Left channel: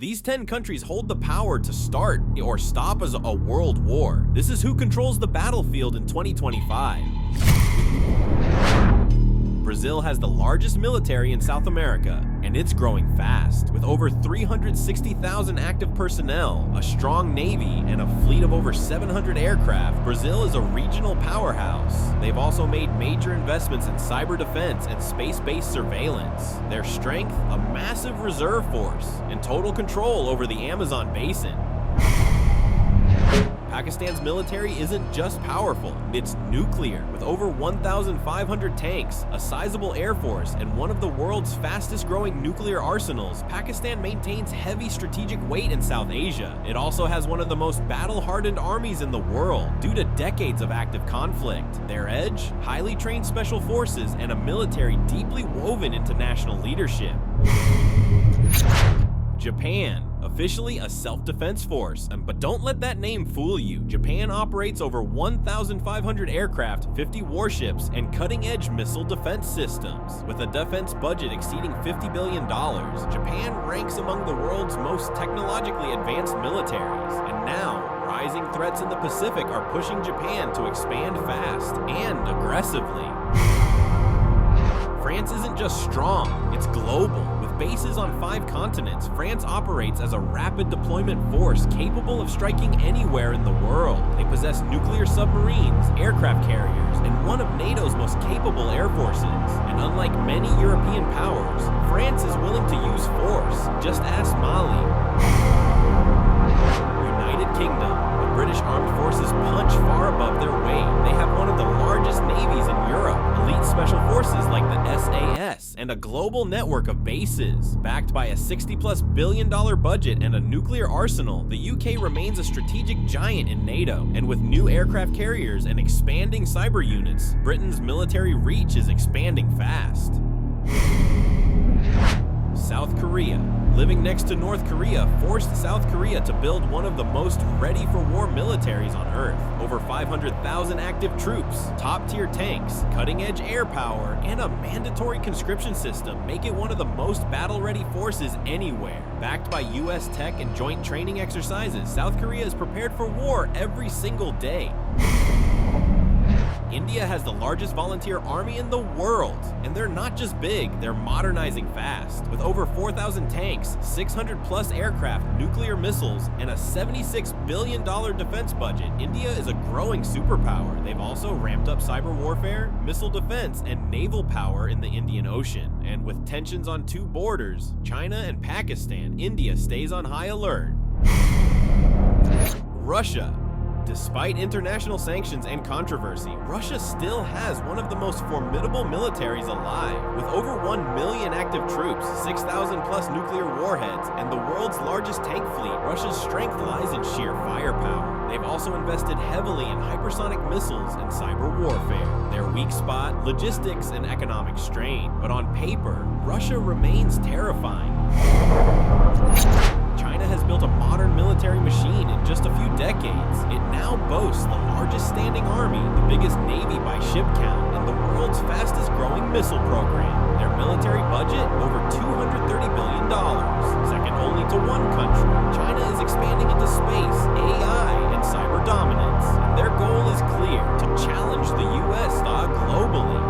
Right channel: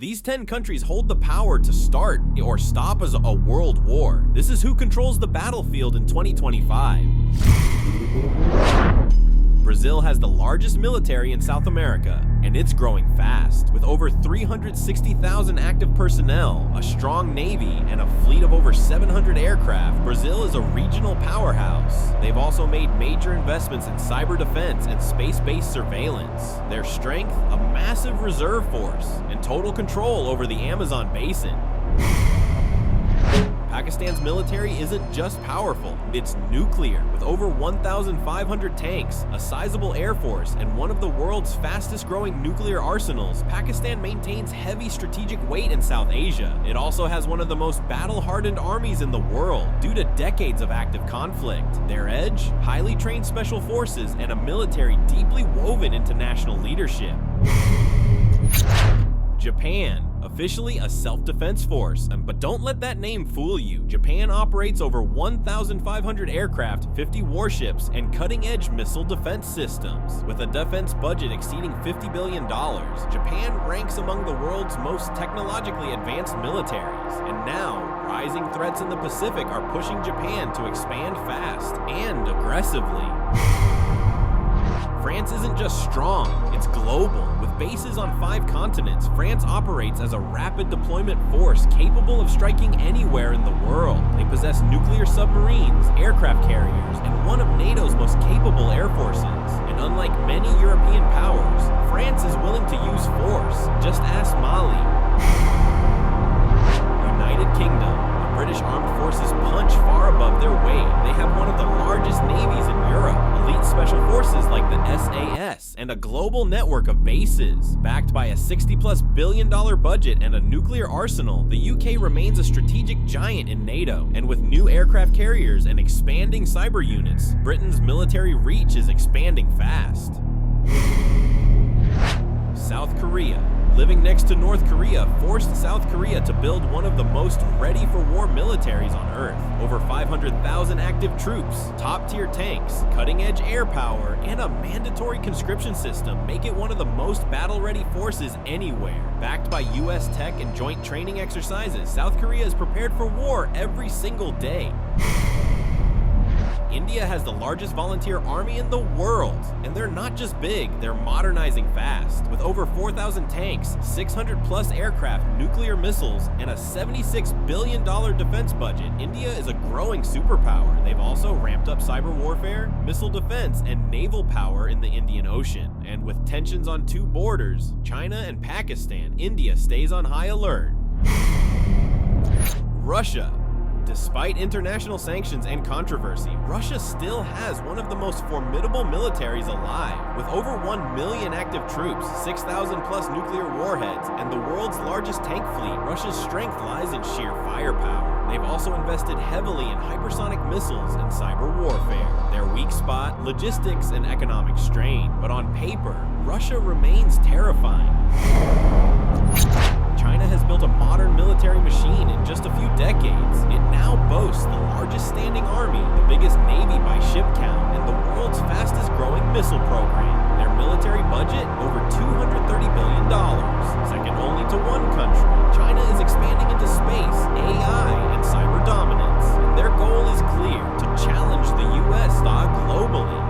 These 10 countries hold the power to start or stop as a world war. This is who controls the battlefield in 2025. Brazil has the largest military in South America, and it's growing fast. With over 360,000 active personnel, a strong navy, and a fleet of over 700 aircraft, Brazil is a regional powerhouse. They've also made major investments in cyber defense and space-based surveillance. Their strength, a massive reserve force, and total control over the Amazon basin. Pakistan's military isn't just powerful, it's nuclear. With over 1,500 tanks, a sizable air force, and one of the world's fastest growing nuclear arsenals, Pakistan maintains heavy strategic weight in South Asia. It also has one of the most battle-hardened armies in the world due to decades of active conflict. Their edge? Highly trained special forces and a military deeply woven into national leadership. Japan, officially a self-defense force, but don't let that name fool you. Japan operates over 1,500 aircraft, 50 warships, and cutting-edge missile defense systems. With a defense budget exceeding $50 billion, Japan ranks among the world's most technologically advanced militaries. And now, rising threats in the Pacific are pushing Japan to expand fast and aggressively. France isn't just strong, it's global. With bases on 5 continents, France operates as a rapid deployment force capable of striking anywhere in the world. They possess nuclear submarines, aircraft carriers, and one of NATO's most capable air forces. And unlike many European powers, France is willing to use force. Just ask Mali. United Kingdom. British armed forces punch far above their weight. They have one of the largest navies in Europe, elite special forces like the SAS, and a global network of bases. Backed by a $60+ billion budget and a nuclear arsenal, the UK remains a strategic giant in NATO. And with new aircraft carriers and expanding cyber units, Britain's military reach is expanding fast. South Korea. Living next to North Korea forced South Korea to build one of the most ready-for-war militaries on Earth. Over 500,000 active troops, top-tier tanks, cutting-edge air power, and a mandatory conscription system make it one of the most battle-ready forces anywhere. Backed by US tech and joint training exercises, South Korea is prepared for war every single day. India has the largest volunteer army in the world, and they're not just big, they're modernizing fast. With over 4,000 tanks, 600+ aircraft, nuclear missiles, and a $76 billion defense budget, India is a growing superpower. They've also ramped up cyber warfare, missile defense, and naval power in the Indian Ocean. And with tensions on 2 borders, China and Pakistan, India stays on high alert. Russia. Despite international sanctions and controversy, Russia still has one of the most formidable militaries alive. With over 1 million active troops, 6,000+ nuclear warheads, and the world's largest tank fleet, Russia's strength lies in sheer firepower. They've also invested heavily in hypersonic missiles and cyber warfare. Their weak spot, logistics and economic strain. But on paper, Russia remains terrifying. China has built a modern military machine in just a few decades. It now boasts the largest standing army, the biggest navy by ship count, and the world's fastest growing missile program. Their military budget, over $230 billion, second only to one country. China is expanding into space, AI, and cyber dominance, and their goal is clear: to challenge the US globally.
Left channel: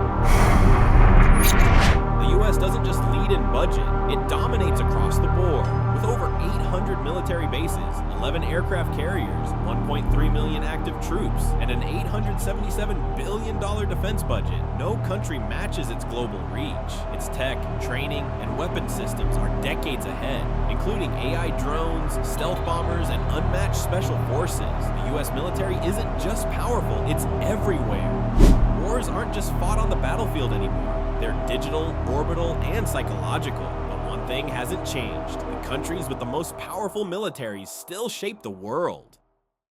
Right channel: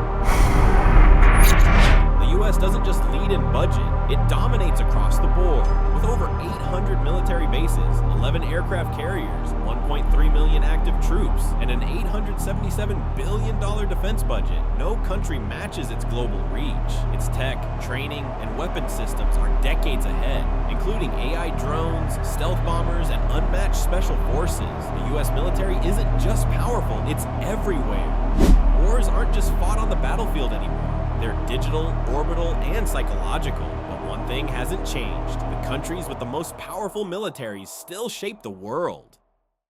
The US doesn't just lead in budget, it dominates across the board. With over 800 military bases, 11 aircraft carriers, 1.3 million active troops, and an $877 billion defense budget, no country matches its global reach. Its tech, training, and weapon systems are decades ahead, including AI drones, stealth bombers, and unmatched special forces. The US military isn't just powerful, it's everywhere. Wars aren't just fought on the battlefield anymore. They're digital, orbital, and psychological. But one thing hasn't changed. The countries with the most powerful militaries still shape the world.